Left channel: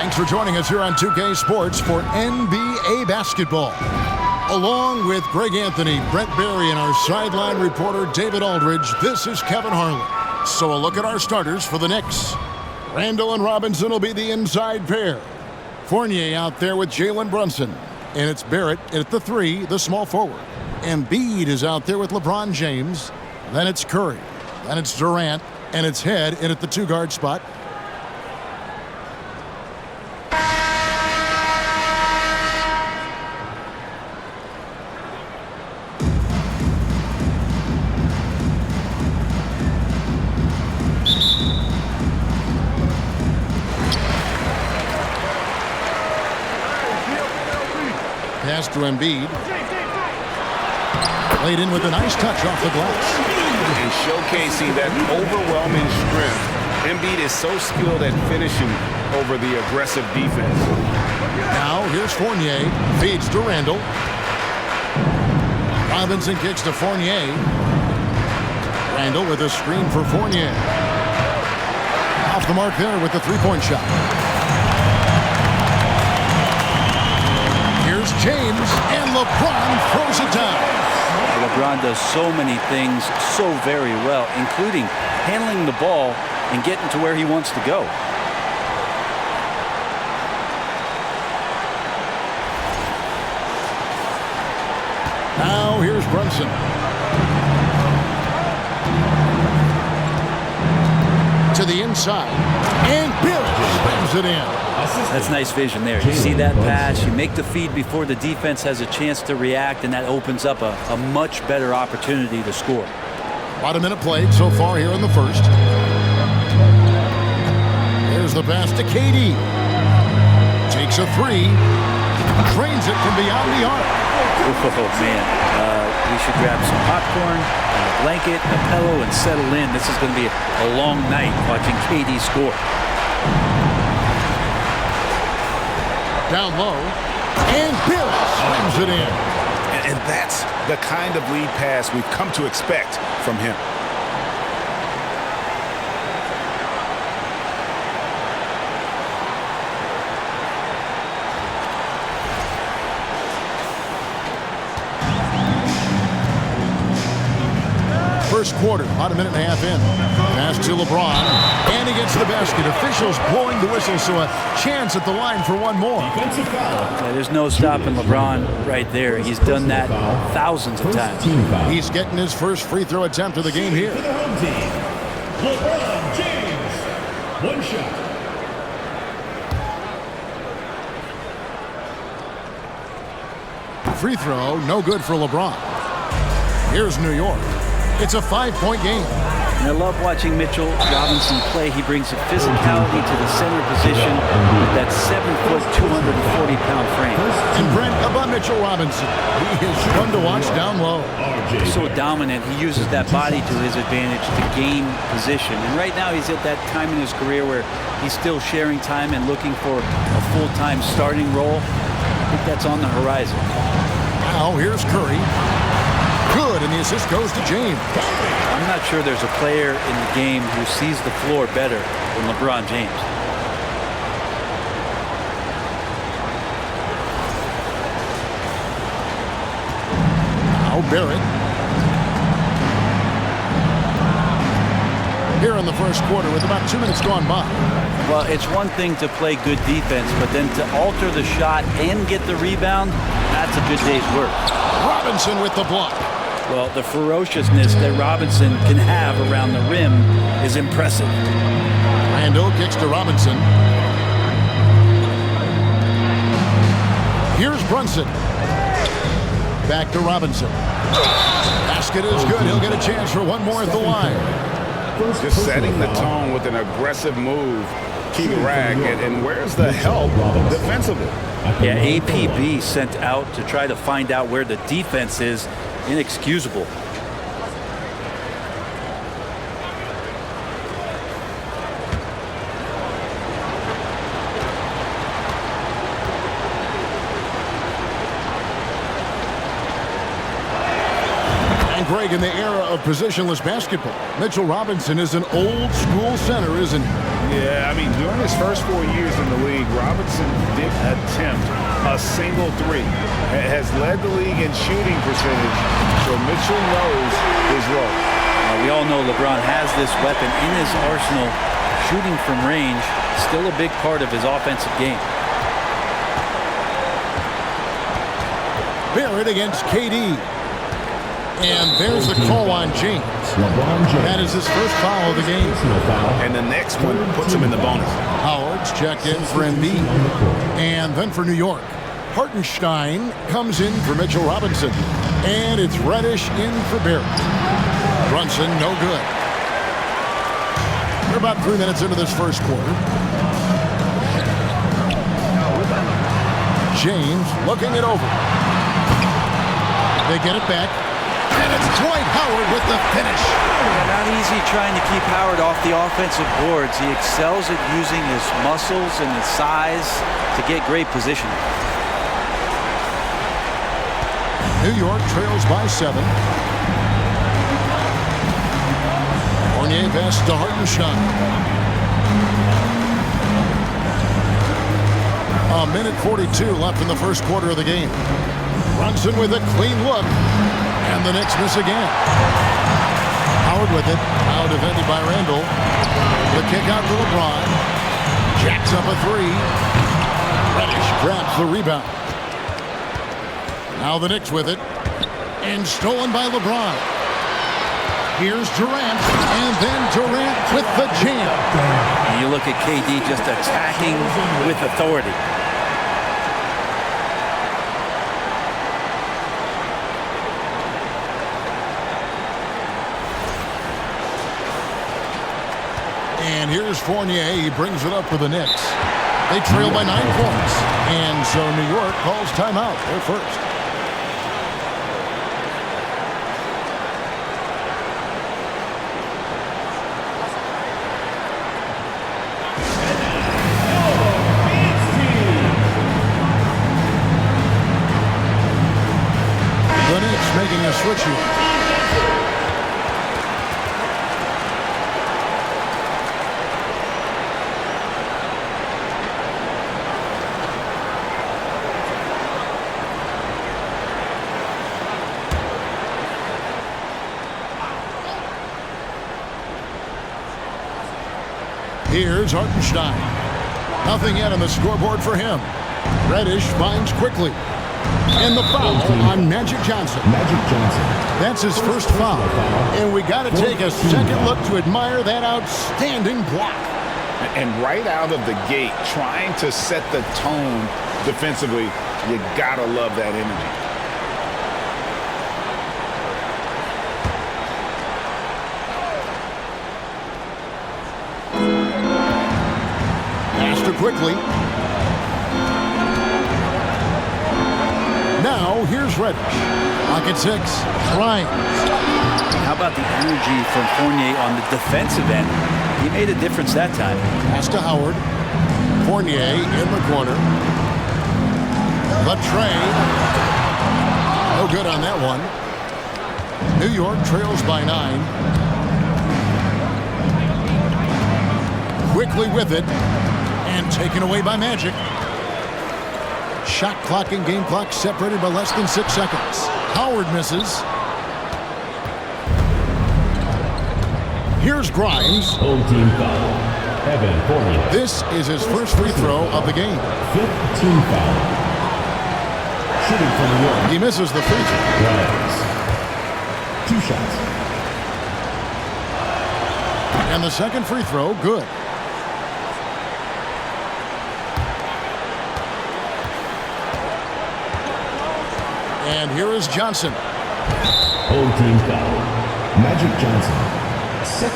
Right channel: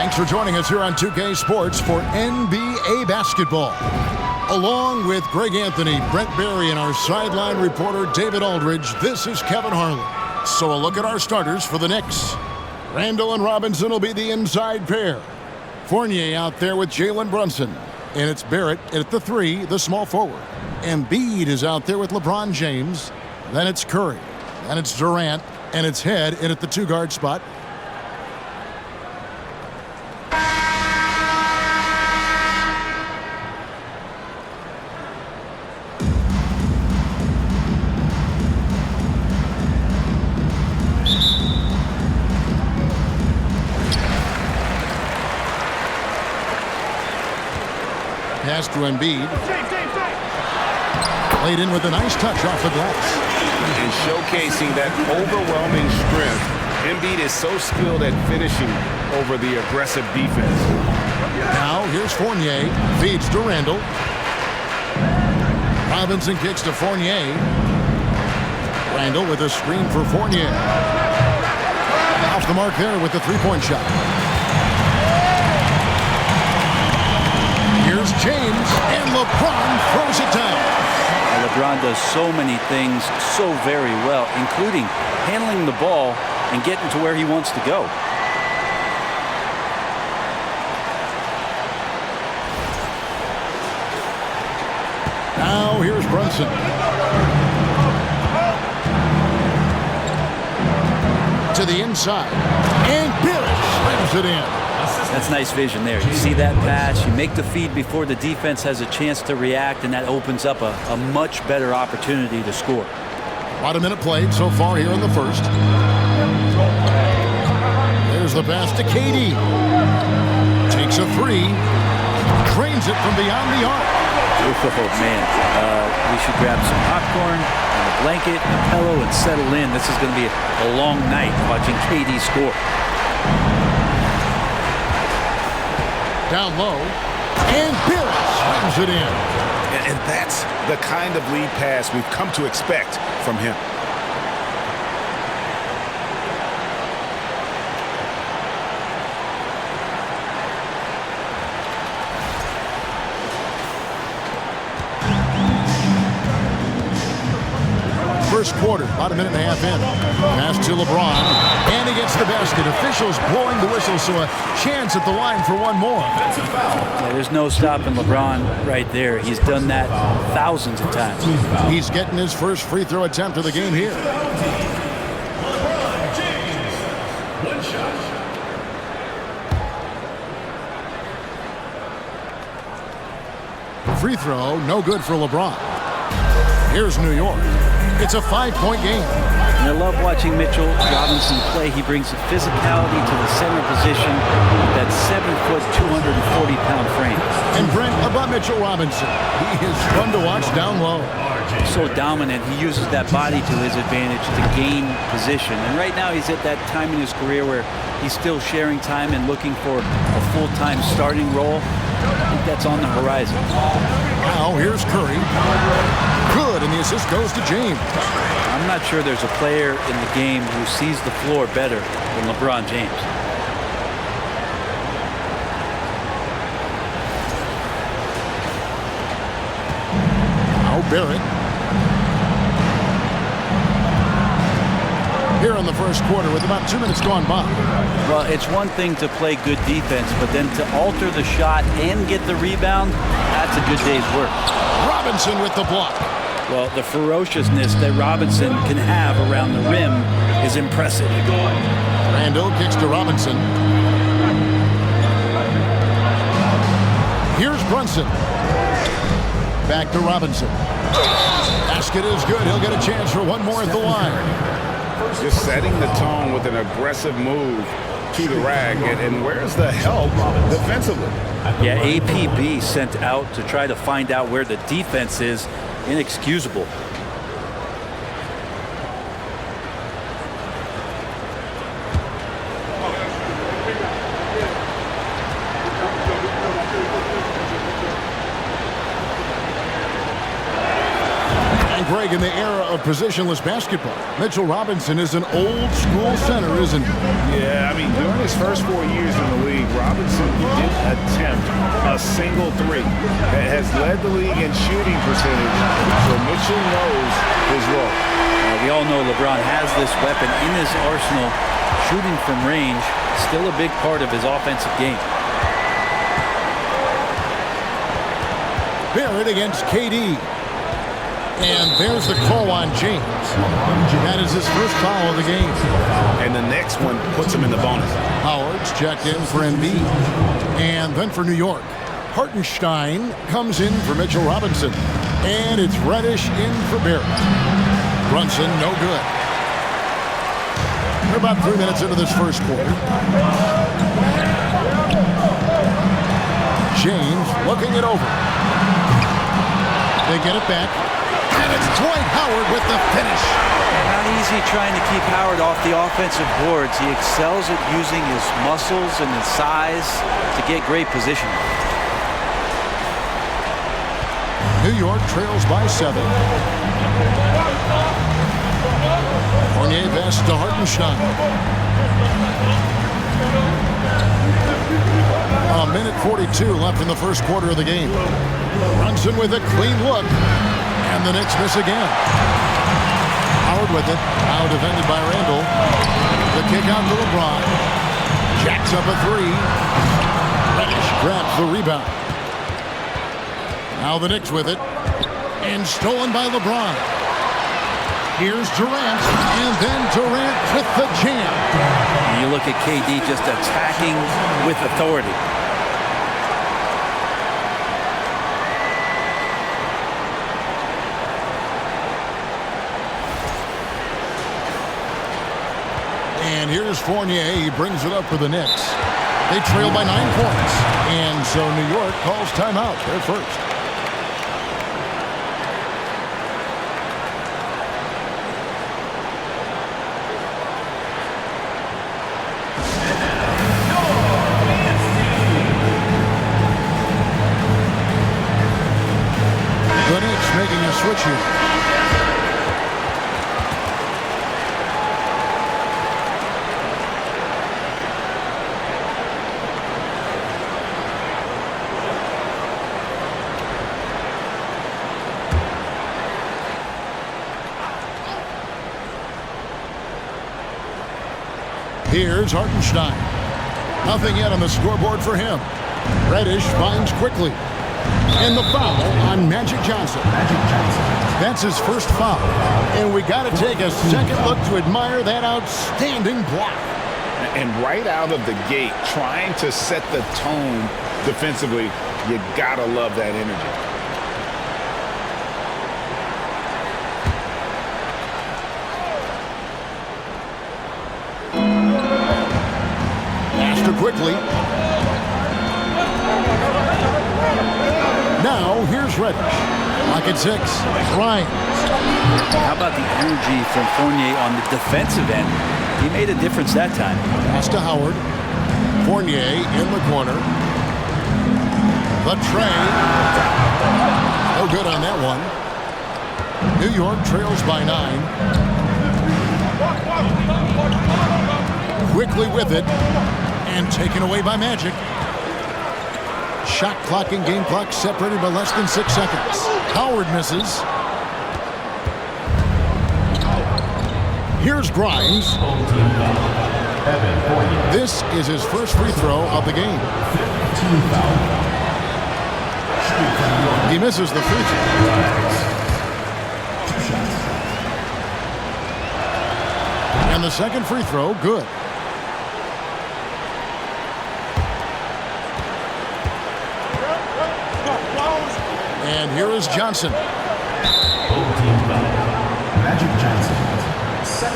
Thanks for joining us here on 2K Sports for NBA basketball. Along with Greg Anthony, Brent Barry, and our sideline reporter David Aldridge, this is Kevin Harlan. So a look at our starters for the Knicks. Randall and Robinson will be the inside pair. Fournier out there with Jalen Brunson. And it's Barrett at the 3, the small forward. Embiid is out there with LeBron James. Then it's Curry. Then it's Durant. And it's Head in at the 2-guard spot. Pass to Embiid. Played in with a nice touch off the glass. And showcasing that overwhelming strength. Embiid is so skilled at finishing over the aggressive defense. Now here's Fournier. Feeds to Randall. Robinson kicks to Fournier. Randall with a screen for Fournier. Off the mark there with the three-point shot. Here's James, and LeBron throws it down. LeBron does so many things so very well, including handling the ball and getting to where he wants to go. Now here's Brunson. To the inside, and Barrett slams it in. That's nice vision there. You see that pass, you make the feed before the defense has a chance to react, and that opens up a much better opportunity to score. About a minute played so far here in the first. There's the pass to KD. Takes a 3. Drains it from beyond the arc. Oh, man. We should grab some popcorn and a blanket and a pillow and settle in. This is going to be a long night watching KD score. Down low, and Barrett slams it in. And that's the kind of lead pass we've come to expect from him. First quarter, about a minute and a half in. Pass to LeBron, and he gets the basket. Officials blowing the whistle, so a chance at the line for one more. Yeah, there's no stopping LeBron right there. He's done that thousands of times. He's getting his first free throw attempt of the game here. LeBron James, one shot. Free throw, no good for LeBron. Here's New York. It's a 5-point game. And I love watching Mitchell Robinson play. He brings a physicality to the center position with that 7-foot, 240-pound frame. And Brent, about Mitchell Robinson, he is fun to watch down low. So dominant. He uses that body to his advantage to gain position. And right now he's at that time in his career where he's still sharing time and looking for a full-time starting role. I think that's on the horizon. Now here's Curry. Good, and the assist goes to James. I'm not sure there's a player in the game who sees the floor better than LeBron James. Now Barrett. Here in the first quarter with about 2 minutes gone by. Well, it's one thing to play good defense, but then to alter the shot and get the rebound, that's a good day's work. Robinson with the block. Well, the ferociousness that Robinson can have around the rim is impressive. Randall kicks to Robinson. Here's Brunson. Back to Robinson. Basket is good. He'll get a chance for one more at the line. Just setting the tone with an aggressive move to the rack. And where's the help defensively? Yeah, APB sent out to try to find out where the defense is. Inexcusable. Greg, in the era of positionless basketball, Mitchell Robinson is an old-school center, isn't he? Yeah, I mean, during his first 4 years in the league, Robinson did attempt a single three. Has led the league in shooting percentage, so Mitchell knows his role. We all know LeBron has this weapon in his arsenal. Shooting from range, still a big part of his offensive game. Barrett against KD. And there's the call on James. That is his first foul of the game. And the next one puts him in the bonus. Howard's checked in for Embiid. And then for New York, Hartenstein comes in for Mitchell Robinson. And it's Reddish in for Barrett. Brunson, no good. We're about 3 minutes into this first quarter. James looking it over. They get it back. And it's Dwight Howard with the finish. Yeah, not easy trying to keep Howard off the offensive boards. He excels at using his muscles and his size to get great positioning. New York trails by 7. Fournier pass to Hartenstein. A minute 42 left in the first quarter of the game. Brunson with a clean look. And the Knicks miss again. Howard with it. Now defended by Randall. The kick out to LeBron. Jacks up a three. Reddish grabs the rebound. Now the Knicks with it. And stolen by LeBron. Here's Durant. And then Durant with the jam. And you look at KD just attacking with authority. And here's Fournier. He brings it up for the Knicks. They trail by 9 points. And so New York calls timeout. They're first. The Knicks making a switch here. Here's Hartenstein. Nothing yet on the scoreboard for him. Reddish finds quickly. And the foul on Magic Johnson. That's his first foul. And we got to take a second look to admire that outstanding block. And right out of the gate, trying to set the tone defensively, you got to love that energy. Quickly. Now here's Reddish. Pocket 6. Bryant. How about the energy from Fournier on the defensive end? He made a difference that time. Pass to Howard. Fournier in the corner. The tray. No good on that one. New York trails by 9. Quickly with it. And taken away by Magic. Shot clock and game clock separated by less than 6 seconds. Howard misses. Here's Grimes. Home team foul. Evan Fournier. This is his first free throw of the game. 5th team foul. Shooting from New York. He misses the free throw. Grimes. 2 shots. And the second free throw, good. And here is Johnson. Home team foul. Magic Johnson.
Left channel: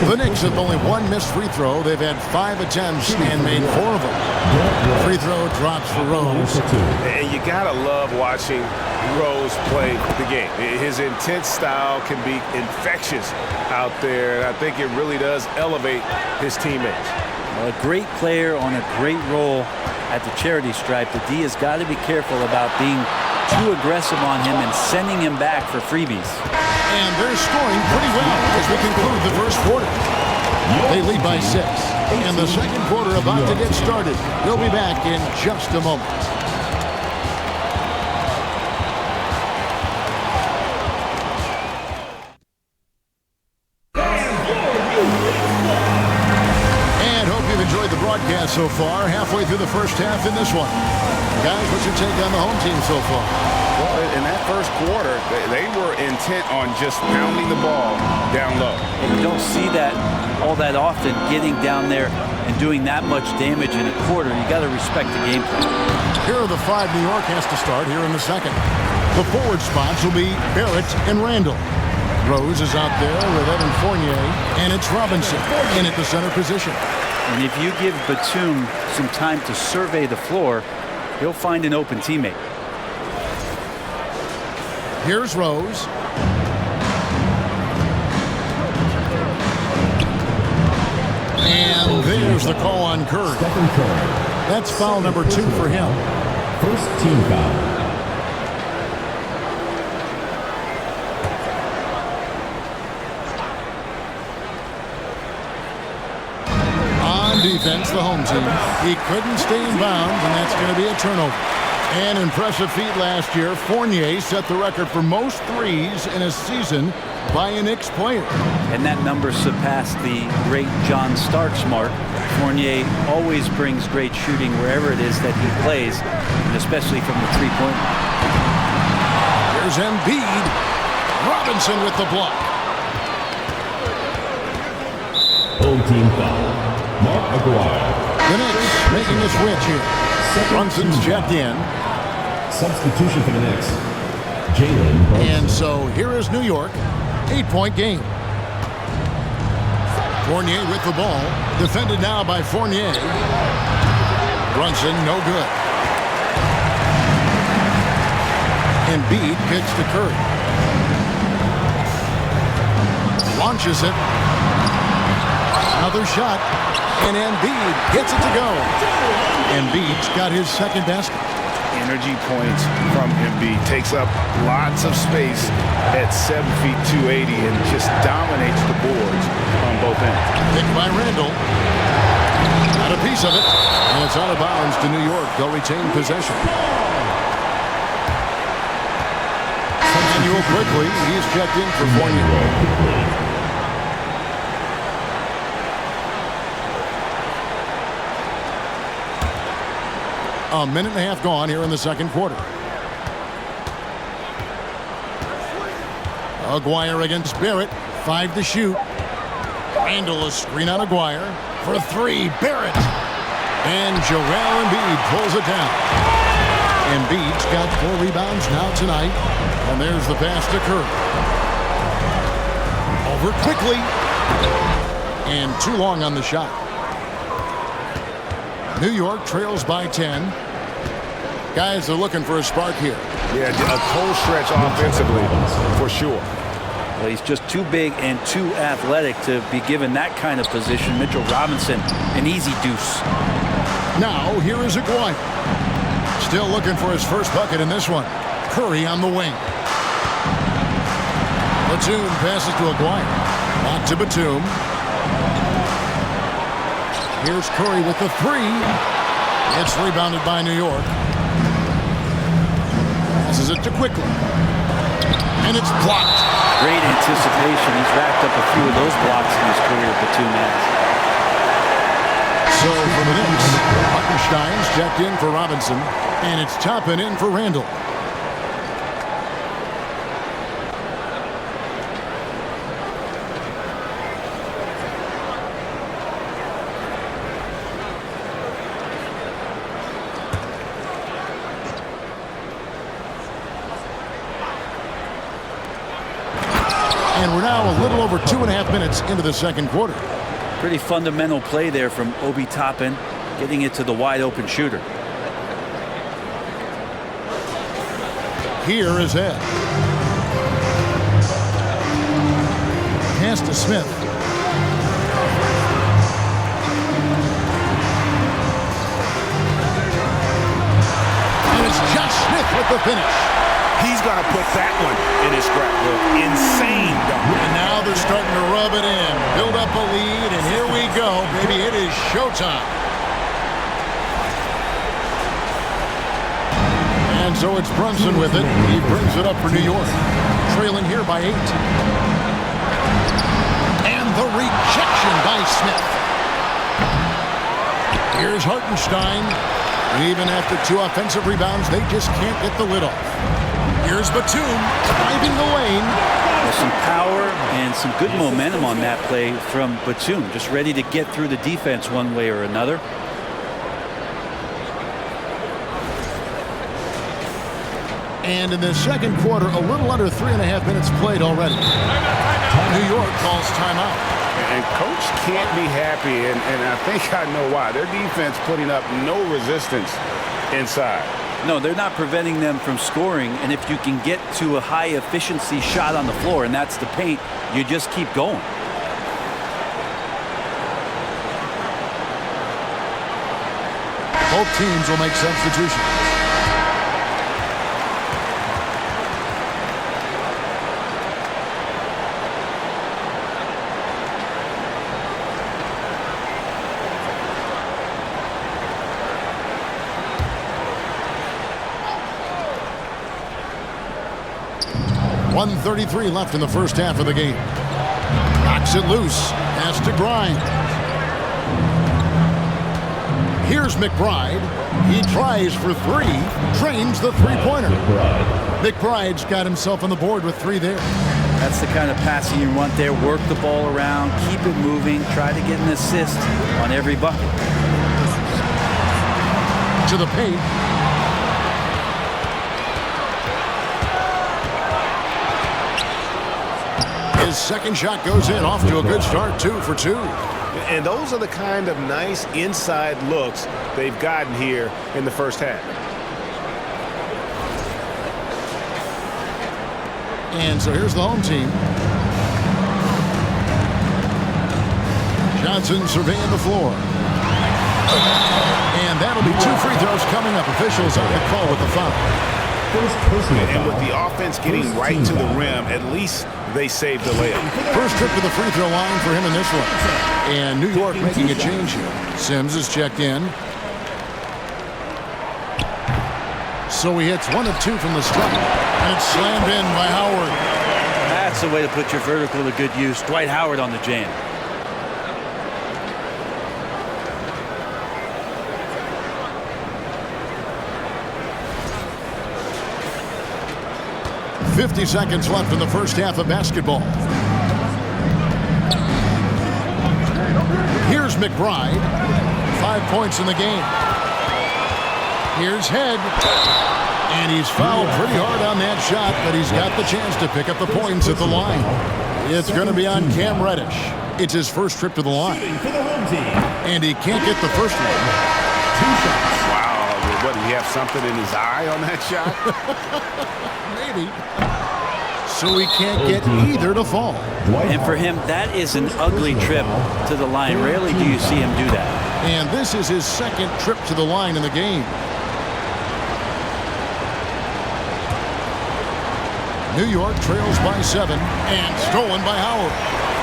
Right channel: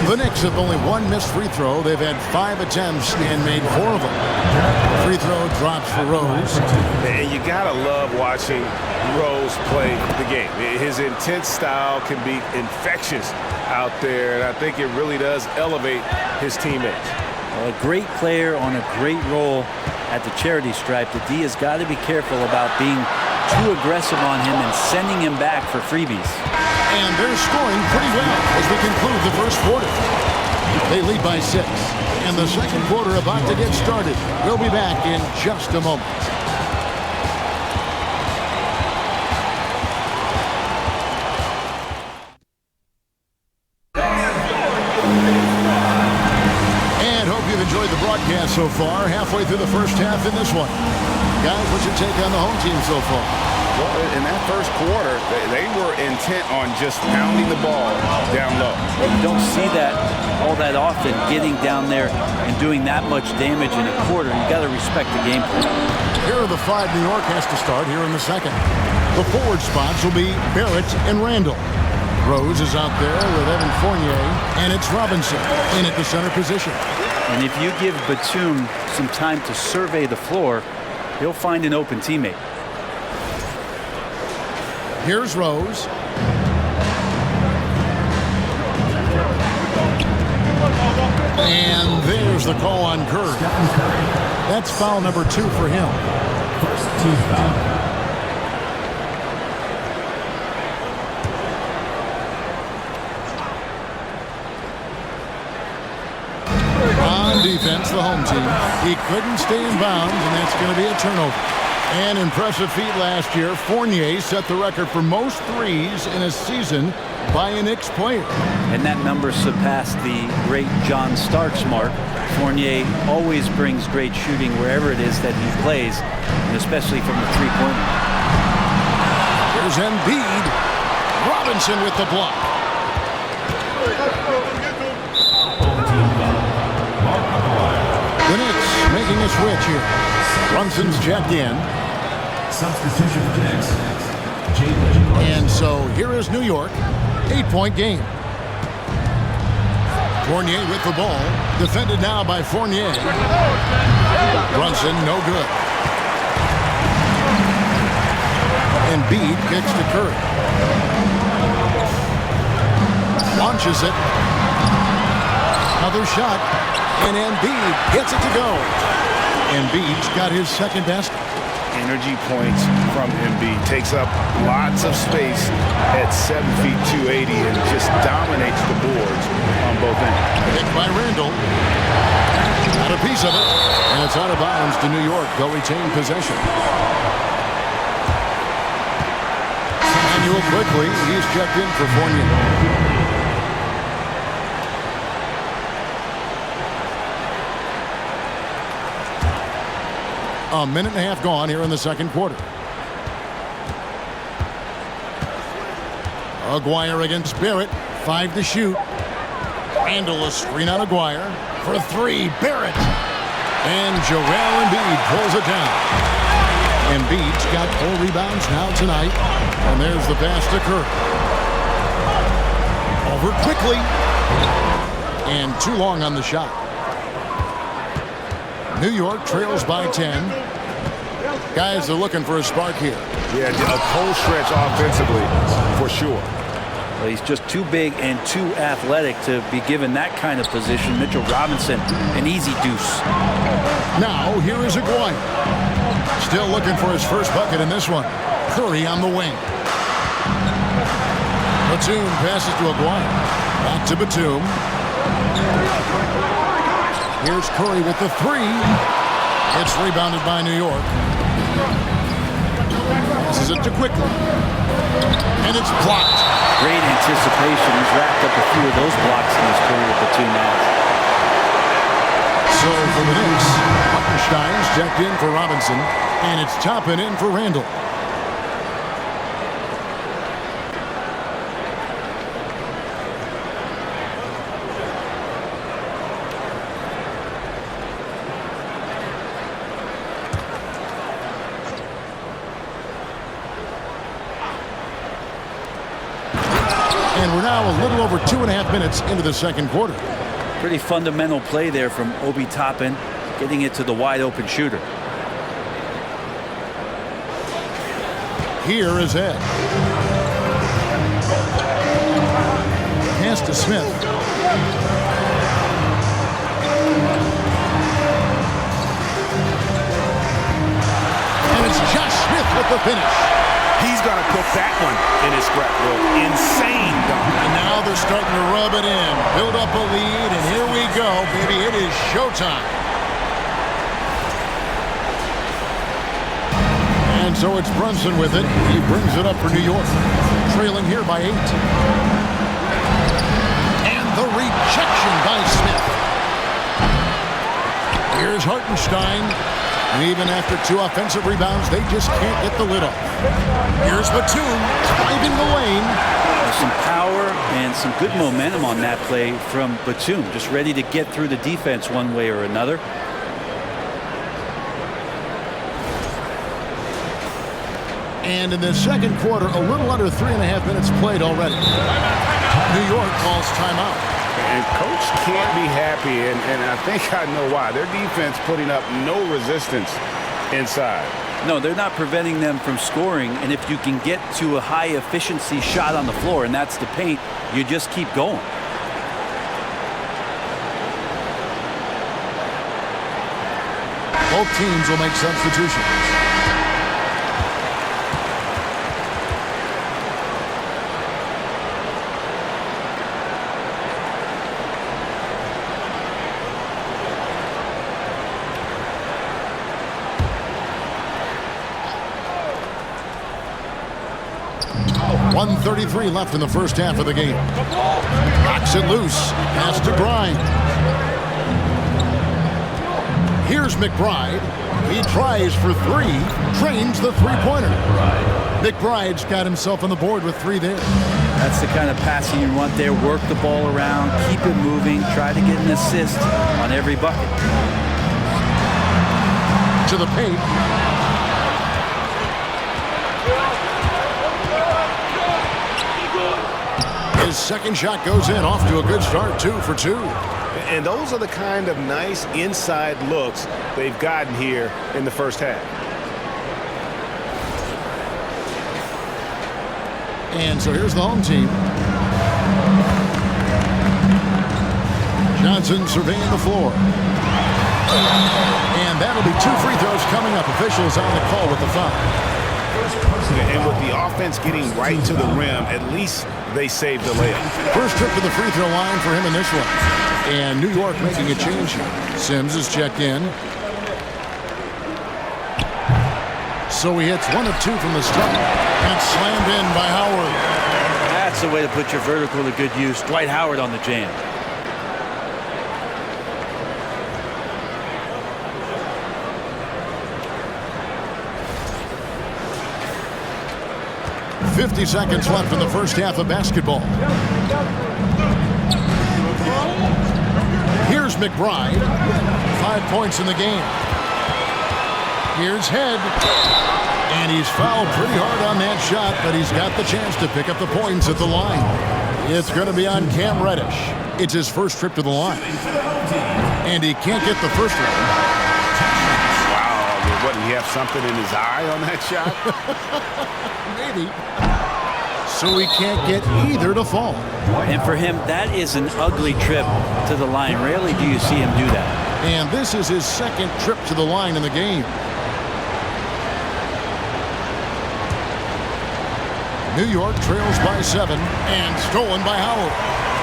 The Knicks have only one missed free throw. They've had 5 attempts and made 4 of them. Free throw drops for Rose. And you got to love watching Rose play the game. His intense style can be infectious out there, and I think it really does elevate his teammates. Well, a great player on a great role at the charity stripe. The D has got to be careful about being too aggressive on him and sending him back for freebies. And they're scoring pretty well as we conclude the first quarter. They lead by 6. And the second quarter about to get started. We'll be back in just a moment. And hope you've enjoyed the broadcast so far. Halfway through the first half in this one. Guys, what's your take on the home team so far? Well, in that first quarter, they were intent on just pounding the ball down low. You don't see that all that often, getting down there and doing that much damage in a quarter. You got to respect the game plan. Here are the 5 New York has to start here in the second. The forward spots will be Barrett and Randall. Rose is out there with Evan Fournier, and it's Robinson in at the center position. And if you give Batum some time to survey the floor, he'll find an open teammate. Here's Rose. And there's the call on Curry. That's foul number 2 for him. First team foul. On defense, the home team. He couldn't stay in bounds, and that's going to be a turnover. An impressive feat last year. Fournier set the record for most threes in a season by a Knicks player. And that number surpassed the great John Starks mark. Fournier always brings great shooting wherever it is that he plays, and especially from the three-point line. Here's Embiid. Robinson with the block. Home team foul. Mark Aguirre. The Knicks making a switch here. Brunson's checked in. Substitution for the Knicks. Jalen Brunson. And so here is New York. 8-point game. Fournier with the ball. Defended now by Fournier. Brunson, no good. Embiid kicks to Curry. Launches it. Another shot. And Embiid gets it to go. Embiid's got his second basket. Energy points from Embiid. Takes up lots of space at 7 feet 280 and just dominates the boards on both ends. Picked by Randall. Got a piece of it. And it's out of bounds to New York. They'll retain possession. Manuel quickly. He's checked in for Fournier. A minute and a half gone here in the second quarter. Aguirre against Barrett. 5 to shoot. Randall a screen on Aguirre. For 3, Barrett. And Joel Embiid pulls it down. Embiid's got 4 rebounds now tonight. And there's the pass to Curry. Over quickly. And too long on the shot. New York trails by 10. Guys are looking for a spark here. Yeah, a cold stretch offensively for sure. Well, he's just too big and too athletic to be given that kind of position. Mitchell Robinson, an easy deuce. Now, here is Aguirre. Still looking for his first bucket in this one. Curry on the wing. Batum passes to Aguirre. Back to Batum. Here's Curry with the 3. It's rebounded by New York. Passes it to quickly. And it's blocked. Great anticipation. He's racked up a few of those blocks in his career, Batum has. So for the Knicks, Hartenstein's checked in for Robinson. And it's Toppin in for Randall. And we're now a little over 2.5 minutes into the second quarter. Pretty fundamental play there from Obi Toppin, getting it to the wide open shooter. Here is Ed. Pass to Smith. And it's Josh Smith with the finish. He's going to put that one in his scrapbook. Insane dunk. And now they're starting to rub it in. Build up a lead, and here we go, baby. It is showtime. And so it's Brunson with it. He brings it up for New York. Trailing here by 8. And the rejection by Smith. Here's Hartenstein. And even after 2 offensive rebounds, they just can't get the lid off. Here's Batum driving the lane. Well, some power and some good momentum on that play from Batum. Just ready to get through the defense one way or another. And in the second quarter, a little under 3.5 minutes played already. New York calls timeout. And coach can't be happy, and I think I know why. Their defense putting up no resistance inside. No, they're not preventing them from scoring, and if you can get to a high-efficiency shot on the floor, and that's the paint, you just keep going. Both teams will make substitutions. .133 left in the first half of the game. Knocks it loose. Pass to Grimes. Here's McBride. He tries for 3. Drains the three-pointer. McBride's got himself on the board with 3 there. That's the kind of passing you want there. Work the ball around. Keep it moving. Try to get an assist on every bucket. To the paint. His second shot goes in, off to a good start, 2 for 2. And those are the kind of nice inside looks they've gotten here in the first half. And so here's the home team. Johnson surveying the floor. And that'll be 2 free throws coming up. Officials on the call with the foul. And with the offense getting right to the rim, at least they saved the layup. First trip to the free throw line for him in this one. And New York making a change here. Sims is checked in. So he hits 1 of 2 from the start. And it's slammed in by Howard. That's the way to put your vertical to good use. Dwight Howard on the jam. .50 seconds left in the first half of basketball. Here's McBride. 5 points in the game. Here's Head. And he's fouled pretty hard on that shot, but he's got the chance to pick up the points at the line. It's going to be on Cam Reddish. It's his first trip to the line. And he can't get the first one. Wow, what, did he have something in his eye on that shot? Maybe. So he can't get either to fall. And for him, that is an ugly trip to the line. Rarely do you see him do that. And this is his second trip to the line in the game. New York trails by 7 and stolen by Howard.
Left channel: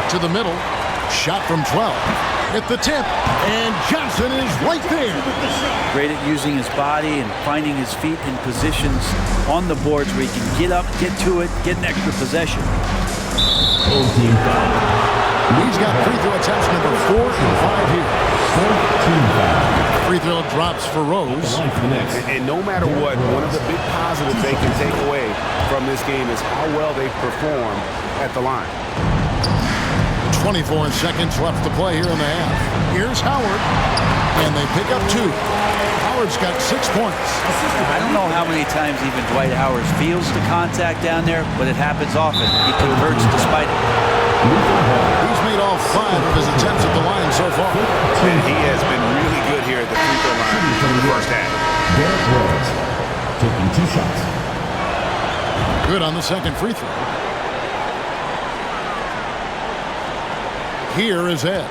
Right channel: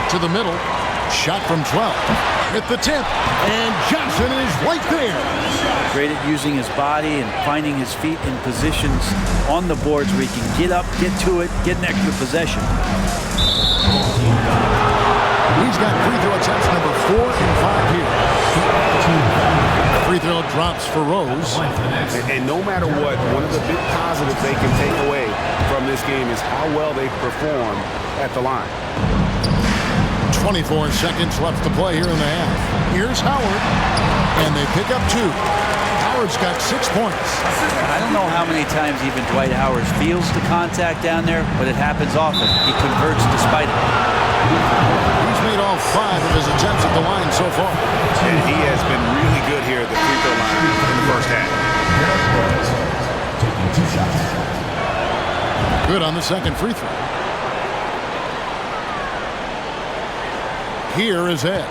To the middle, shot from 12. At the tip, and Johnson is right there. Great at using his body and finding his feet in positions on the boards where he can get up, get to it, get an extra possession. He's got free throw attempts number 4 and 5 here. Free throw drops for Rose. And no matter what, one of the big positives they can take away from this game is how well they perform at the line. 24 seconds left to play here in the half. Here's Howard, and they pick up 2. Howard's got 6 points. I don't know how many times even Dwight Howard feels the contact down there, but it happens often. He converts despite it. He's made all 5 of his attempts at the line so far. And he has been really good here at the free throw line in the first half. Taking 2 shots. Good on the second free throw. Here is Ed.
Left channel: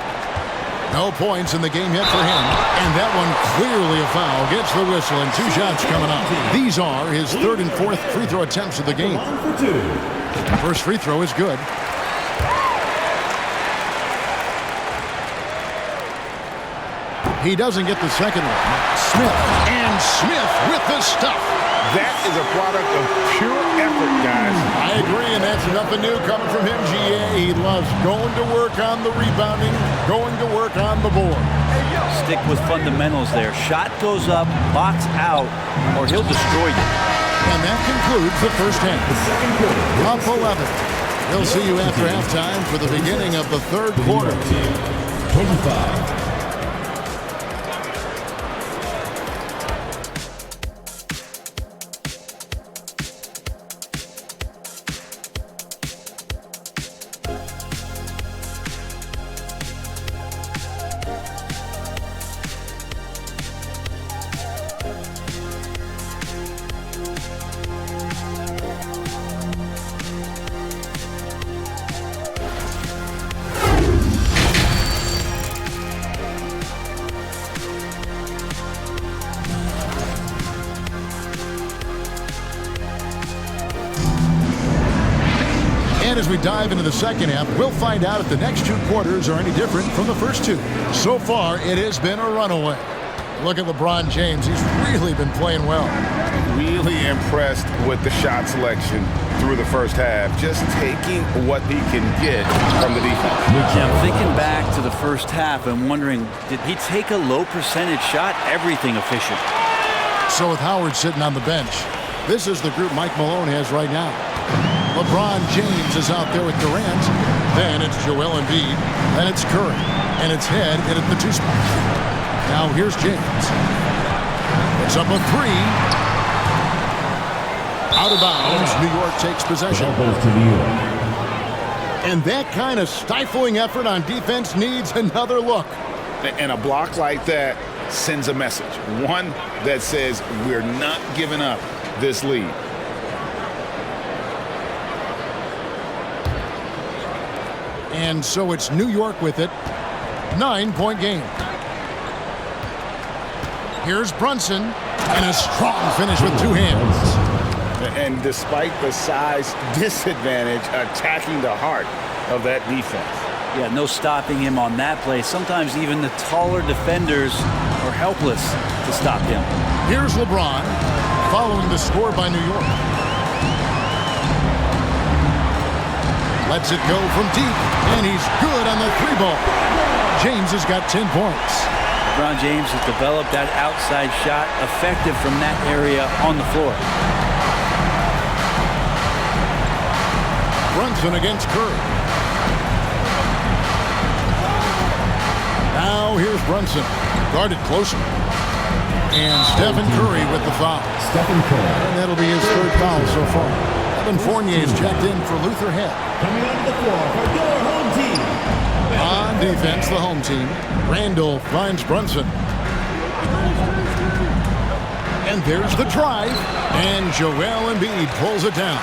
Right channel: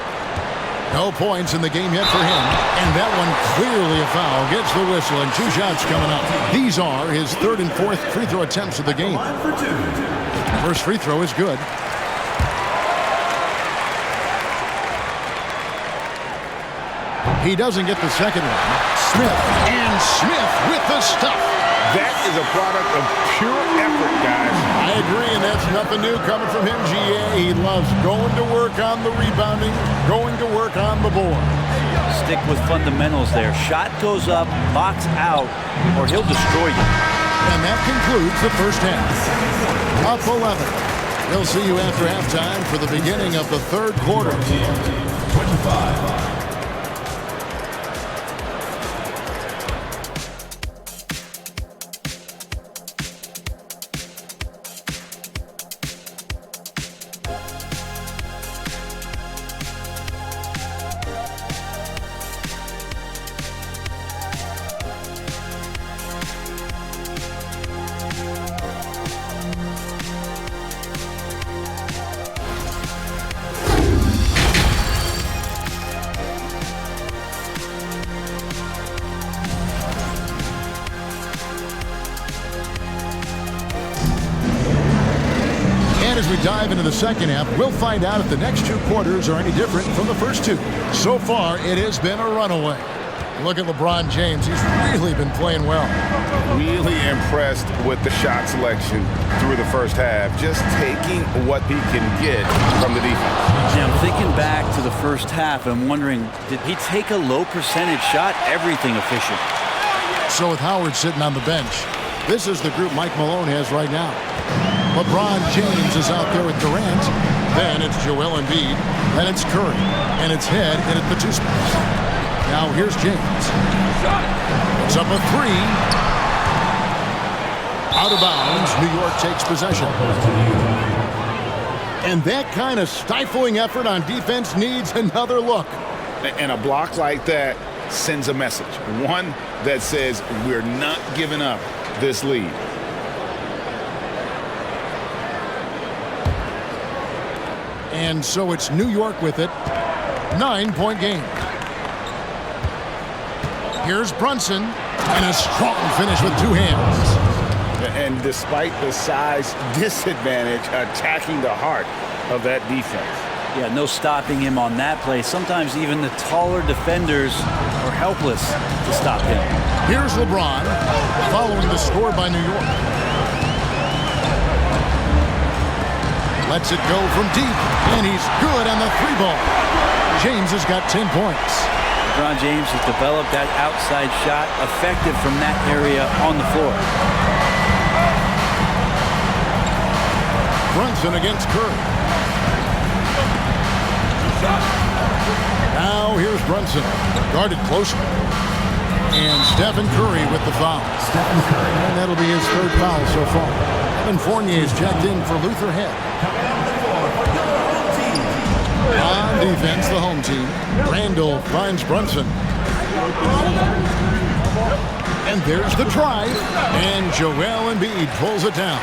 No points in the game yet for him. And that one clearly a foul. Gets the whistle and 2 shots coming up. These are his 3rd and 4th free throw attempts of the game. First free throw is good. He doesn't get the second one. Smith with the stuff. That is a product of pure effort, guys. I agree, and that's nothing new coming from him, GA. He loves going to work on the rebounding, going to work on the board. Stick with fundamentals there. Shot goes up, box out, or he'll destroy you. And that concludes the first half. Up 11. We'll see you after halftime for the beginning of the 3rd quarter. 25. And as we dive into the second half, we'll find out if the next 2 quarters are any different from the first 2. So far, it has been a runaway. Look at LeBron James. He's really been playing well. Really impressed with the shot selection through the first half. Just taking what he can get from the defense. Yeah, I'm thinking back to the first half and wondering, did he take a low percentage shot? Everything efficient. So with Howard sitting on the bench, this is the group Mike Malone has right now. LeBron James is out there with Durant. Then it's Joel Embiid. Then it's Curry. And it's Head in at the 2 spot. Now here's James. Puts up a 3. Out of bounds. New York takes possession. And that kind of stifling effort on defense needs another look. And a block like that sends a message. One that says we're not giving up this lead. And so it's New York with it. 9-point game. Here's Brunson. And a strong finish with 2 hands. And despite the size disadvantage, attacking the heart of that defense. Yeah, no stopping him on that play. Sometimes even the taller defenders are helpless to stop him. Here's LeBron following the score by New York. Lets it go from deep, and he's good on the 3 ball. James has got 10 points. LeBron James has developed that outside shot, effective from that area on the floor. Brunson against Curry. Now here's Brunson, guarded closer. And Stephen Curry with the foul. And that'll be his 3rd foul so far. Evan Fournier's checked in for Luther Head. Coming onto the floor for your home team. On defense, the home team. Randall finds Brunson. And there's the drive. And Joel Embiid pulls it down.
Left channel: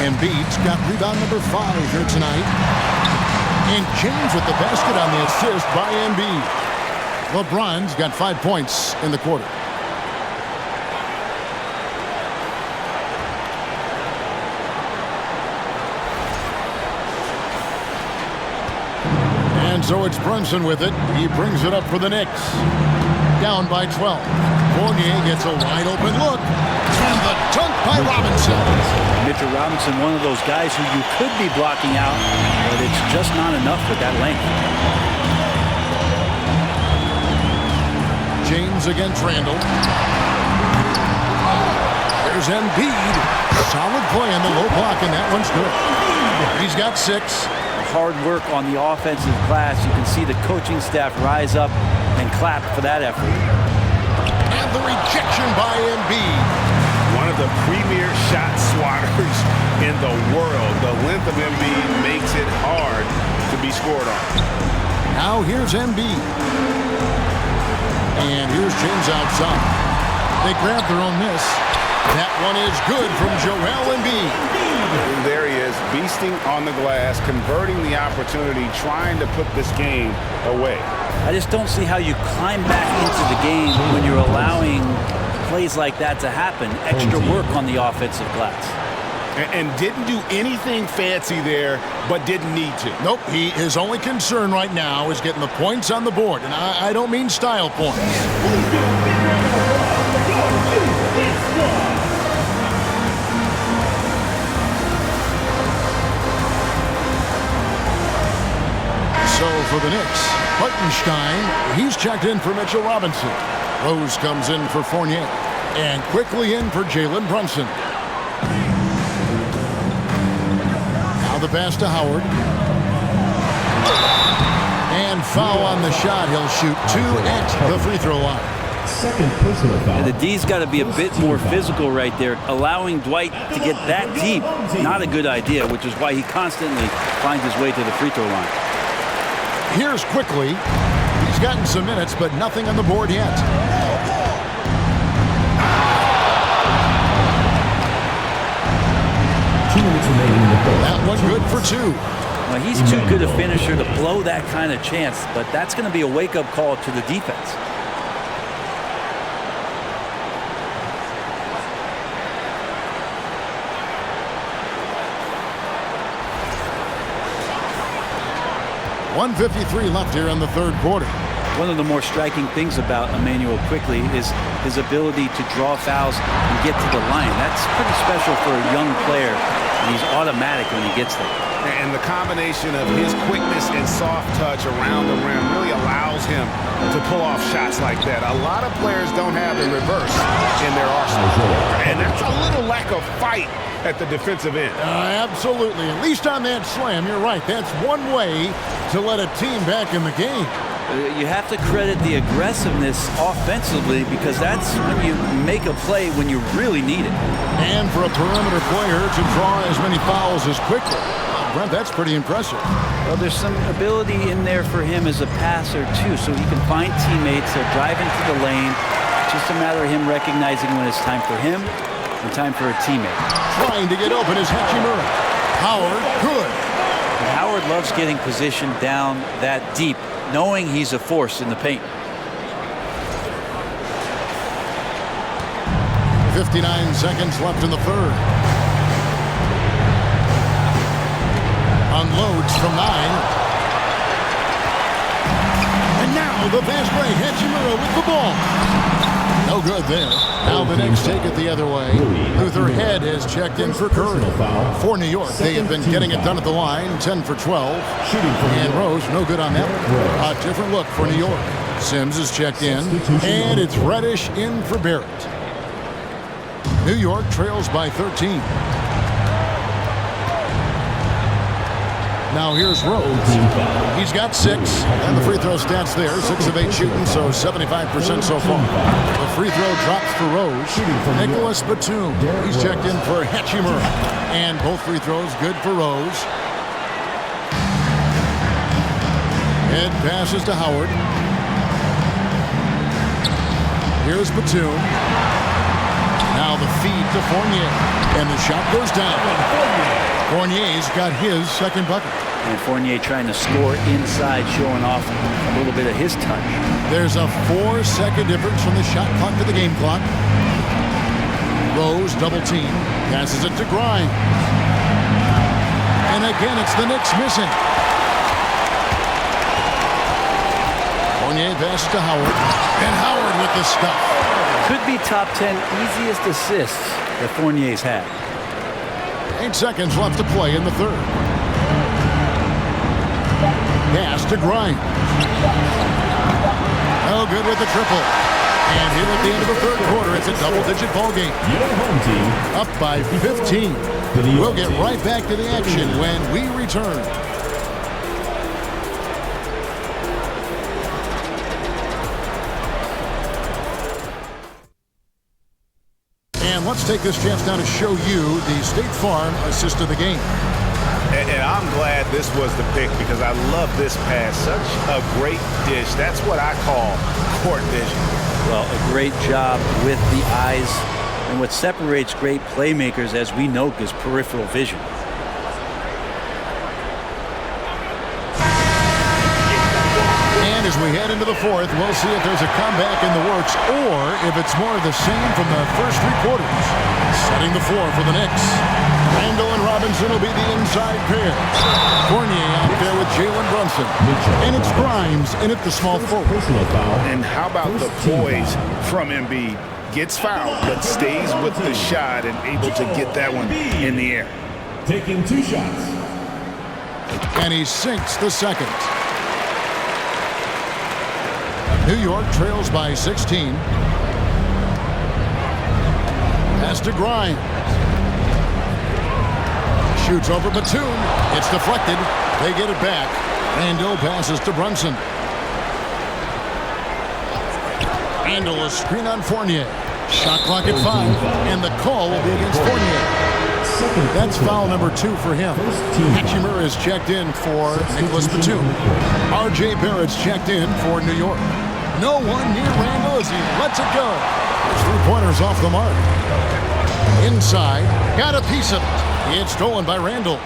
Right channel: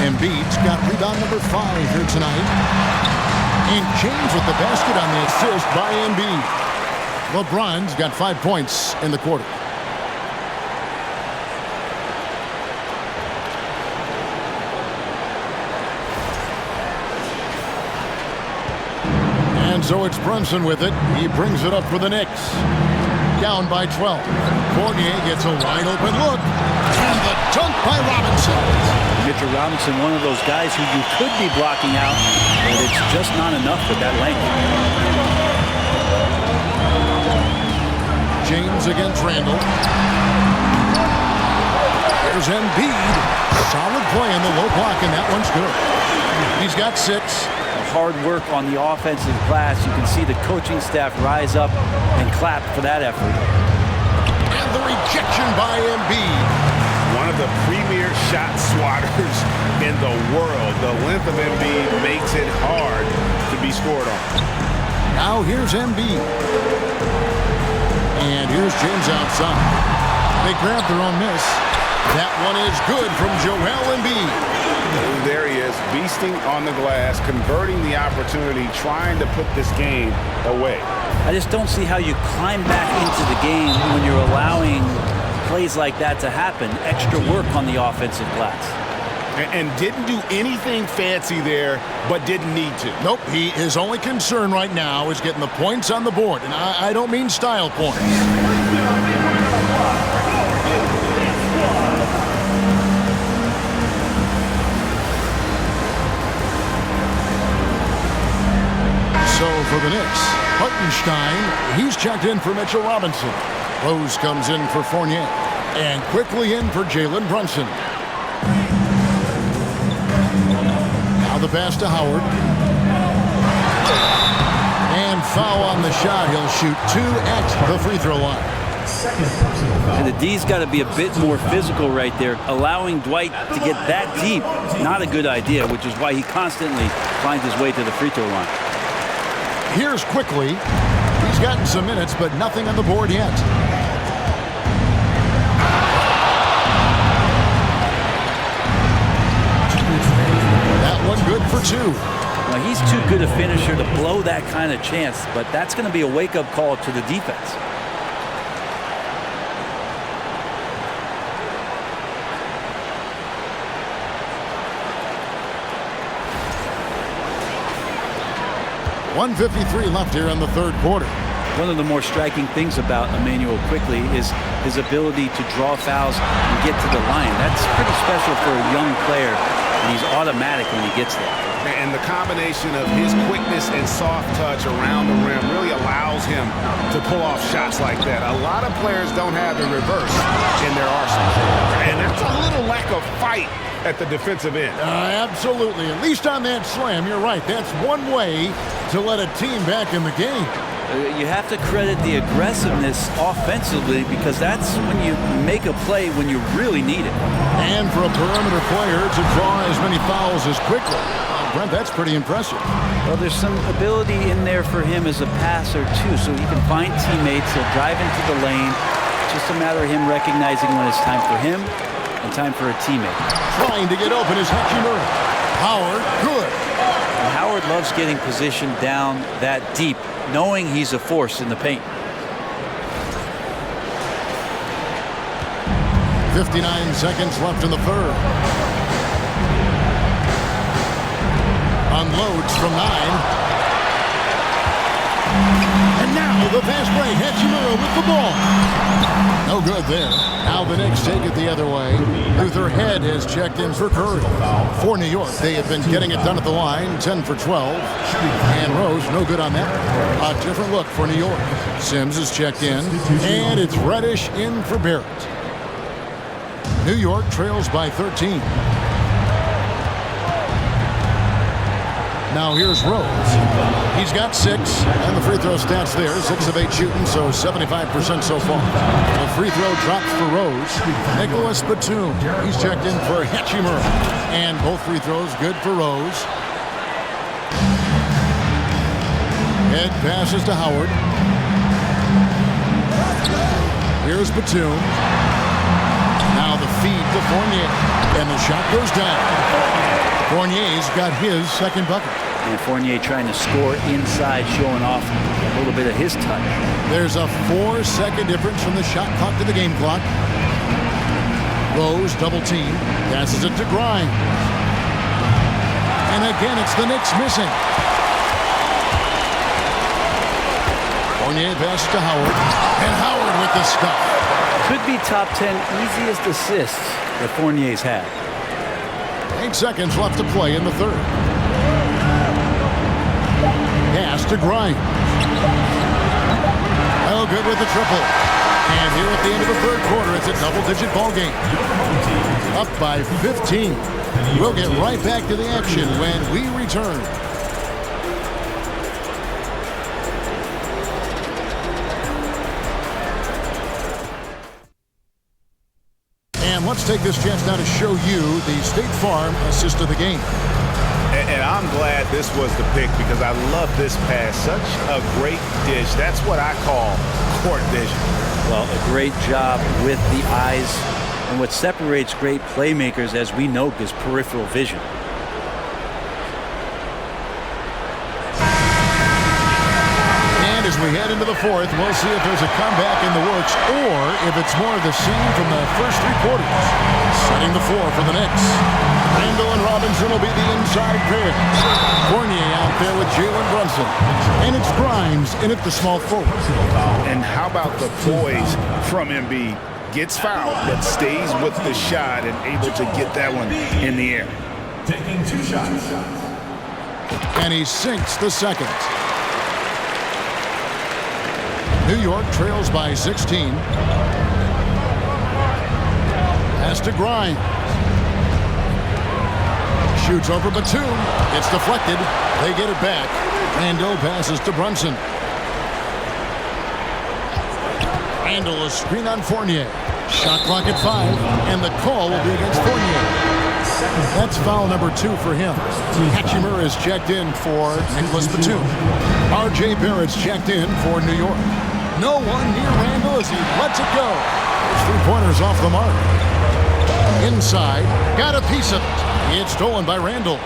Embiid's got rebound number 5 here tonight. And James with the basket on the assist by Embiid. LeBron's got 5 points in the quarter. And so it's Brunson with it. He brings it up for the Knicks. Down by 12. Fournier gets a wide open look. And the dunk by Robinson. Mitchell Robinson, one of those guys who you could be blocking out, but it's just not enough with that length. James against Randall. Here's Embiid. Solid play in the low block, and that one's good. He's got 6. Hard work on the offensive glass. You can see the coaching staff rise up and clap for that effort. And the rejection by Embiid. One of the premier shot swatters in the world. The length of Embiid makes it hard to be scored on. Now here's Embiid. And here's James outside. They grab their own miss. That one is good from Joel Embiid. There he is, beasting on the glass, converting the opportunity, trying to put this game away. I just don't see how you climb back into the game when you're allowing plays like that to happen. Extra work on the offensive glass. And didn't do anything fancy there, but didn't need to. Nope, his only concern right now is getting the points on the board, and I don't mean style points. So for the Knicks, Hartenstein, he's checked in for Mitchell Robinson. Rose comes in for Fournier, and quickly in for Jalen Brunson. Now the pass to Howard. And foul on the shot. He'll shoot 2 at the free throw line. Second personal foul. And the D's got to be a bit more physical right there. Allowing Dwight to get that deep, not a good idea, which is why he constantly finds his way to the free throw line. Here's quickly. He's gotten some minutes, but nothing on the board yet. That one good for 2. Now, he's too good a finisher to blow that kind of chance, but that's going to be a wake-up call to the defense. .153 left here in the third quarter. One of the more striking things about Emmanuel Quickley is his ability to draw fouls and get to the line. That's pretty special for a young player, and he's automatic when he gets there. And the combination of his quickness and soft touch around the rim really allows him to pull off shots like that. A lot of players don't have the reverse in their arsenal. And that's a little lack of fight at the defensive end. Absolutely. At least on that slam, you're right. That's one way to let a team back in the game. You have to credit the aggressiveness offensively, because that's when you make a play when you really need it. And for a perimeter player to draw as many fouls as quickly. Brent, that's pretty impressive. Well, there's some ability in there for him as a passer, too, so he can find teammates. He'll drive into the lane. It's just a matter of him recognizing when it's time for him and time for a teammate. Trying to get open is Hachimura. Howard, good. And Howard loves getting positioned down that deep, knowing he's a force in the paint. 59 seconds left in the third. Unloads from 9. And now the fast break. Hachimura with the ball. No good there. Now the Knicks take it the other way. Luther Head has checked in for Curry. For New York, they have been getting it done at the line. 10 for 12. And Rose, no good on that. A different look for New York. Sims is checked in. And it's Reddish in for Barrett. New York trails by 13. Now here's Rose. He's got 6, and the free throw stats there, 6 of 8 shooting, so 75% so far. The free throw drops for Rose. Nicholas Batum, he's checked in for Hachimura, and both free throws good for Rose. Head passes to Howard. Here's Batum. Now the feed to Fournier, and the shot goes down. Fournier's got his second bucket. And Fournier trying to score inside, showing off a little bit of his touch. There's a 4-second difference from the shot clock to the game clock. Rose double team, passes it to Grimes. And again, it's the Knicks missing. Fournier passes to Howard, and Howard with the stuff. Could be top 10 easiest assists that Fournier's had. 8 seconds left to play in the third. Pass to Grimes. Oh, good with the triple. And here at the end of the third quarter, it's a double-digit ball game. Up by 15. We'll get right back to the action when we return. And let's take this chance now to show you the State Farm assist of the game. And I'm glad this was the pick, because I love this pass. Such a great dish. That's what I call court vision. Well, a great job with the eyes And what separates great playmakers, as we know, is peripheral vision. And as we head into the fourth, we'll see if there's a comeback in the works or if it's more of the same from the first 3 quarters. Setting the floor for the Knicks. Randall and Robinson will be the inside pair. Fournier out there with Jalen Brunson. And it's Grimes in at the small forward. And how about the poise from Embiid? Gets fouled, but stays with the shot and able to get that one in the air. Taking 2 shots. And he sinks the second. New York trails by 16. Pass to Grimes. Shoots over Batum. It's deflected. They get it back. Randall passes to Brunson. Randall a screen on Fournier. Shot clock at 5. And the call will be against Fournier. That's foul number 2 for him. Hachimura is checked in for Nicholas Batum. R.J. Barrett's checked in for New York. No one near Randall as he lets it go. His 3-pointers off the mark. Inside, got a piece of it. It's stolen by Randall.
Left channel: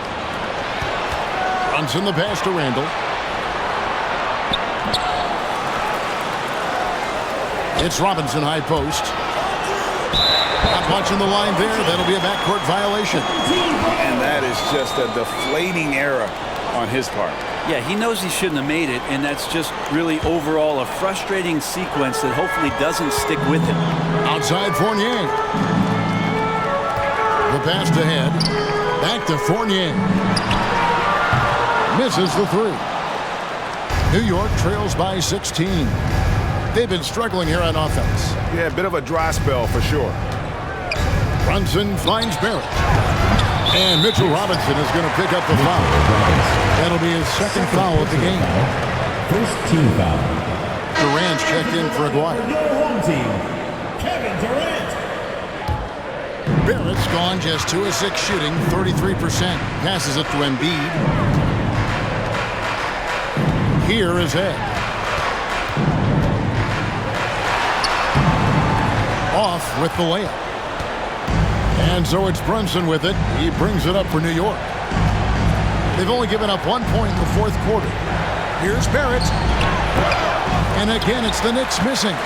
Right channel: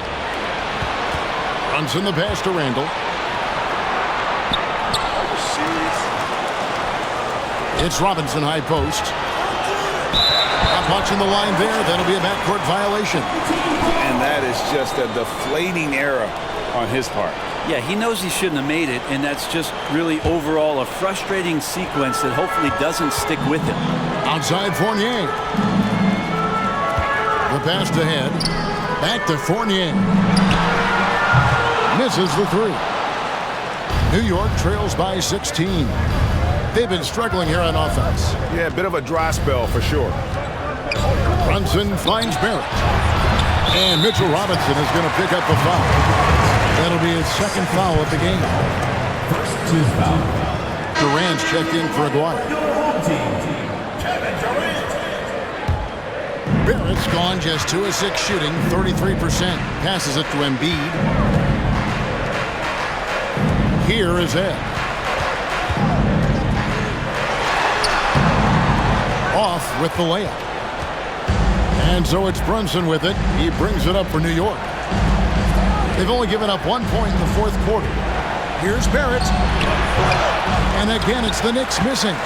Brunson the pass to Randall. It's Robinson high post. Not watching the line there. That'll be a backcourt violation. And that is just a deflating error on his part. Yeah, he knows he shouldn't have made it, and that's just really overall a frustrating sequence that hopefully doesn't stick with him. Outside Fournier. The pass ahead. Back to Fournier. Misses the 3. New York trails by 16. They've been struggling here on offense. Yeah, a bit of a dry spell for sure. Brunson finds Barrett. And Mitchell Robinson is going to pick up the foul. That'll be his second foul of the game. First team foul. Durant's checked in for Aguirre. Your home team, Kevin Durant. Barrett's gone just 2 of 6 shooting, 33%. Passes it to Embiid. Here is Ed. Off with the layup. And so it's Brunson with it. He brings it up for New York. They've only given up 1 point in the 4th quarter. Here's Barrett. And again, it's the Knicks missing.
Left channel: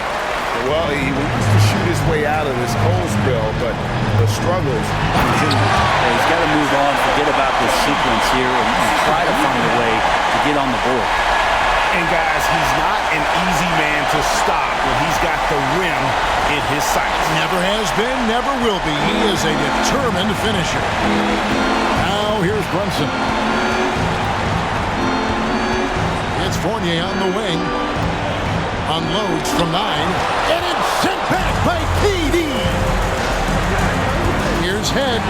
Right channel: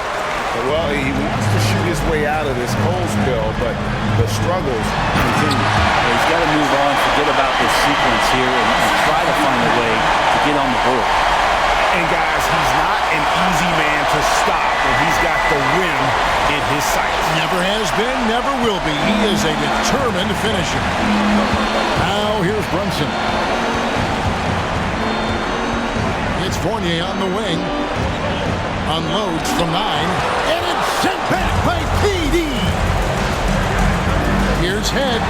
Well, he wants to shoot his way out of this cold spell, but the struggles continue. Yeah, he's got to move on, forget about this sequence here, and try to find a way to get on the board. And guys, he's not an easy man to stop when he's got the rim in his sights. Never has been, never will be. He is a determined finisher. Now here's Brunson. It's Fournier on the wing. Unloads from 9. And it's sent back by PD. Here's Head.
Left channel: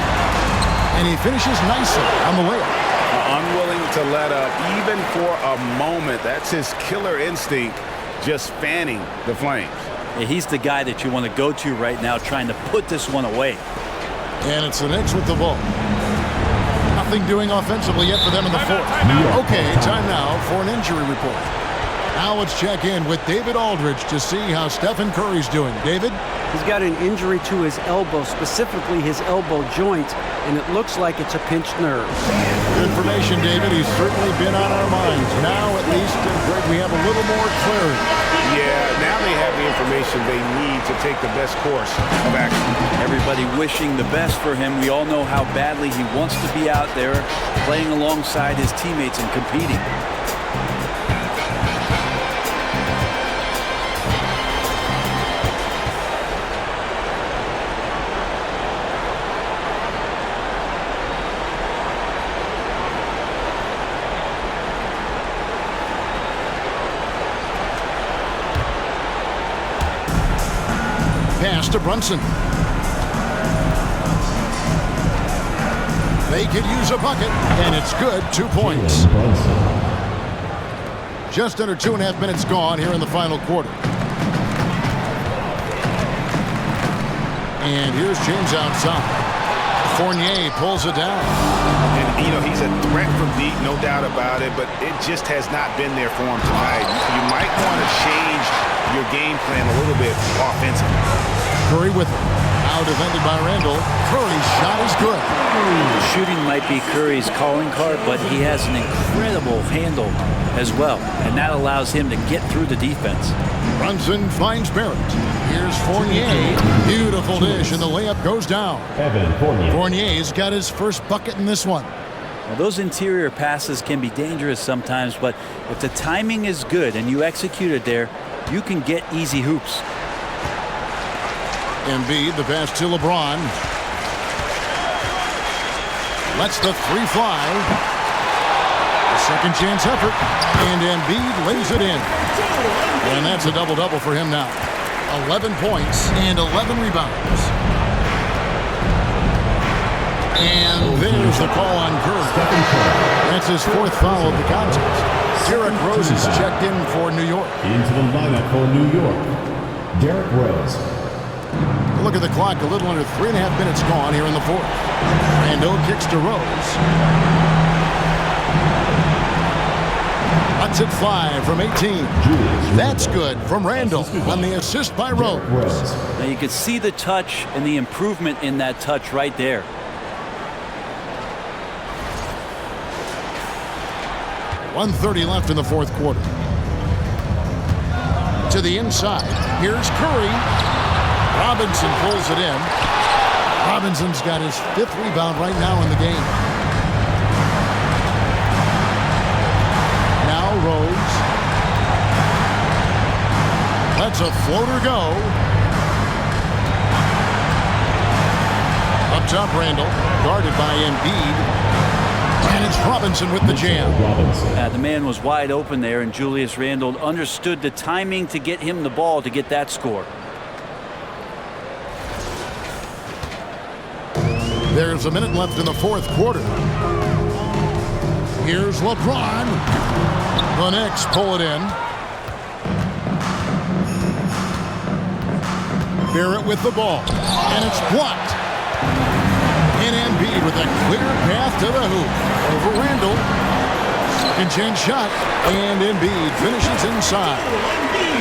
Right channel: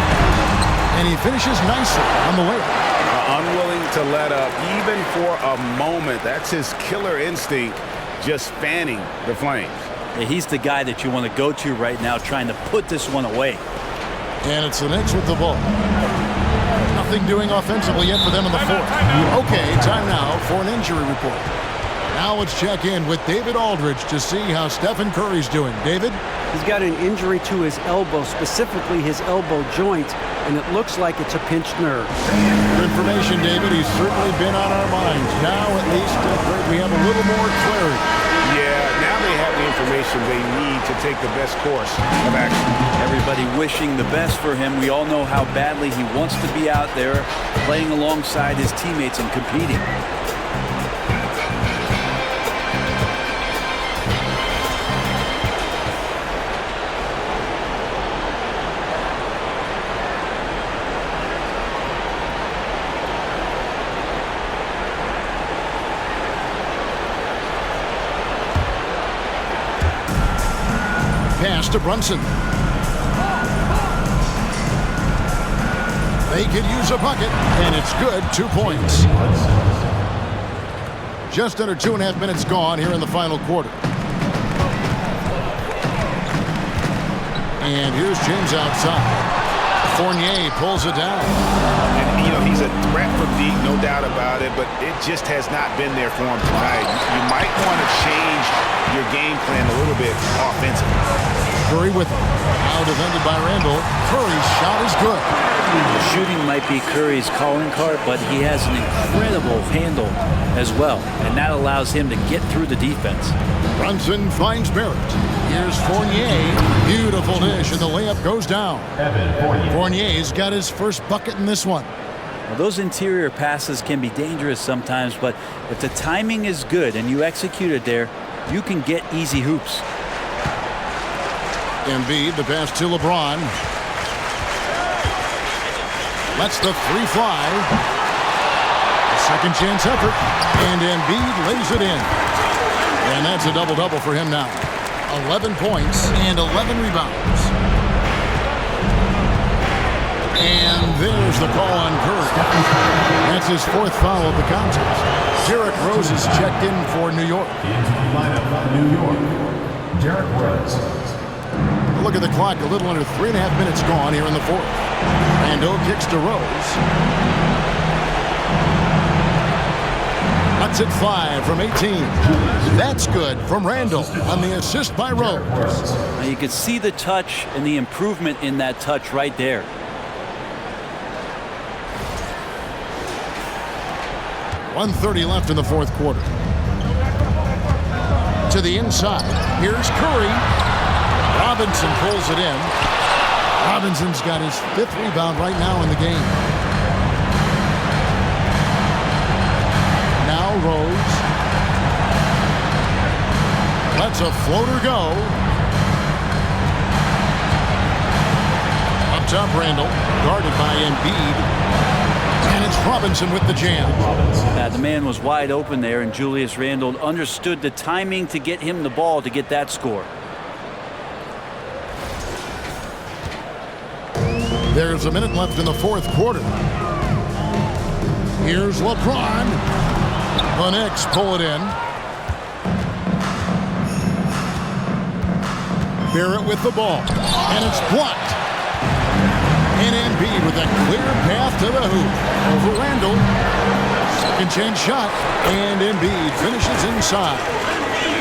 And he finishes nicely on the layup. Unwilling to let up even for a moment. That's his killer instinct, just fanning the flames. Yeah, he's the guy that you want to go to right now, trying to put this one away. And it's the Knicks with the ball. Nothing doing offensively yet for them in the 4th. Okay, time now for an injury report. Now let's check in with David Aldridge to see how Stephen Curry's doing. David? He's got an injury to his elbow, specifically his elbow joint, and it looks like it's a pinched nerve. Good information, David. He's certainly been on our minds. Now, at least, Greg, we have a little more clarity. Yeah, now they have the information they need to take the best course of action. Everybody wishing the best for him. We all know how badly he wants to be out there playing alongside his teammates and competing. Pass to Brunson. They could use a bucket, and it's good. 2 points. Just under 2.5 minutes gone here in the final quarter. And here's James outside. Fournier pulls it down. And, you know, he's a threat from deep, no doubt about it, but it just has not been there for him tonight. You might want to change your game plan a little bit offensively. Curry with him. Now defended by Randall. Curry's shot is good. The shooting might be Curry's calling card, but he has an incredible handle as well, and that allows him to get through the defense. Brunson finds Barrett. Here's Fournier. Beautiful dish, and the layup goes down. Evan Fournier. Fournier's got his first bucket in this one. Well, those interior passes can be dangerous sometimes, but if the timing is good and you execute it there, you can get easy hoops. Embiid, the pass to LeBron. Lets the three fly. A second chance effort. And Embiid lays it in. And that's a double-double for him now. 11 points and 11 rebounds. And there's the call on Curry. That's his fourth foul of the contest. Derrick Rose is checked in for New York. Into the lineup for New York, Derrick Rose. Look at the clock, a little under 3.5 minutes gone here in the fourth. Randall kicks to Rose. Lets it fly from 18. That's good from Randall on the assist by Rose. Now you can see the touch and the improvement in that touch right there. .130 left in the fourth quarter. To the inside. Here's Curry. Robinson pulls it in. Robinson's got his 5th rebound right now in the game. Now Rose. Lets a floater go. Up top, Randall. Guarded by Embiid. And it's Robinson with the jam. The man was wide open there, and Julius Randle understood the timing to get him the ball to get that score. There's a minute left in the fourth quarter. Here's LeBron. The Knicks pull it in. Barrett with the ball. And it's blocked. And Embiid with a clear path to the hoop. Over Randall. Second chance shot. And Embiid finishes inside.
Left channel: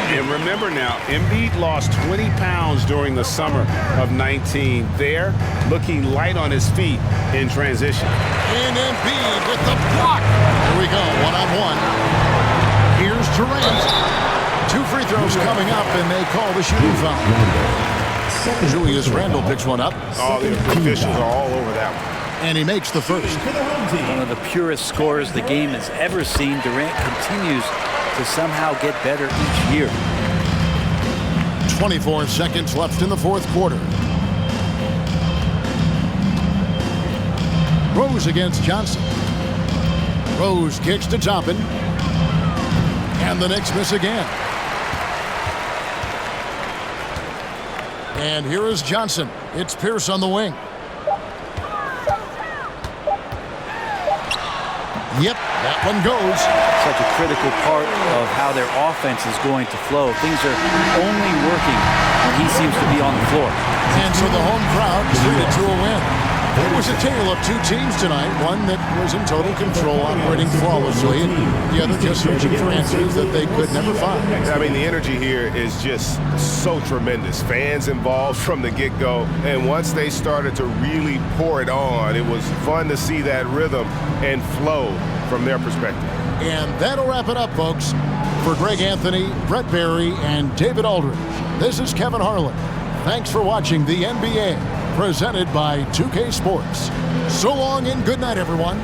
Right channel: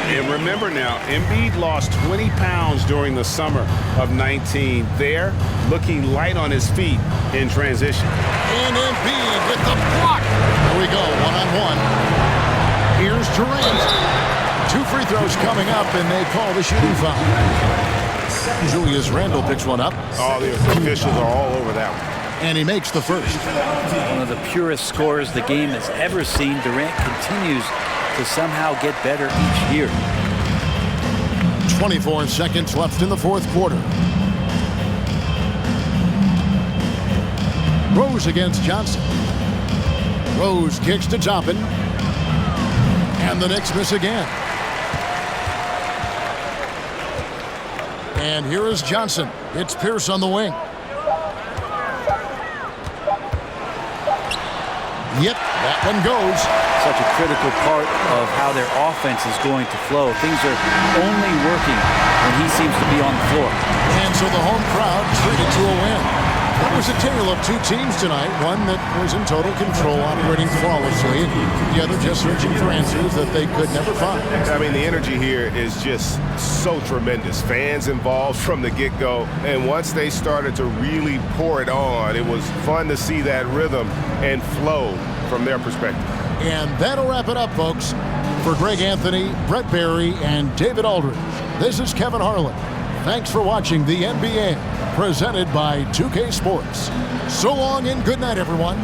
And remember now, Embiid lost 20 pounds during the summer of 19. There, looking light on his feet in transition. And Embiid with the block. Here we go, one-on-one. Here's Durant. 2 free throws coming up, and they call the shooting foul. Julius Randle picks one up. Oh, the officials are all over that one. And he makes the first. One of the purest scorers the game has ever seen. Durant continues to somehow get better each year. 24 seconds left in the fourth quarter. Rose against Johnson. Rose kicks to Toppin. And the Knicks miss again. And here is Johnson. It's Pierce on the wing. Yep, that one goes. Such a critical part of how their offense is going to flow. Things are only working when he seems to be on the floor. And so the home crowd treated to a win. It was a tale of 2 teams tonight. One that was in total control, operating flawlessly, and the other just searching for answers that they could never find. I mean, the energy here is just so tremendous. Fans involved from the get-go, and once they started to really pour it on, it was fun to see that rhythm and flow from their perspective. And that'll wrap it up, folks. For Greg Anthony, Brett Barry, and David Aldridge, this is Kevin Harlan. Thanks for watching the NBA, presented by 2K Sports. So long and good night, everyone.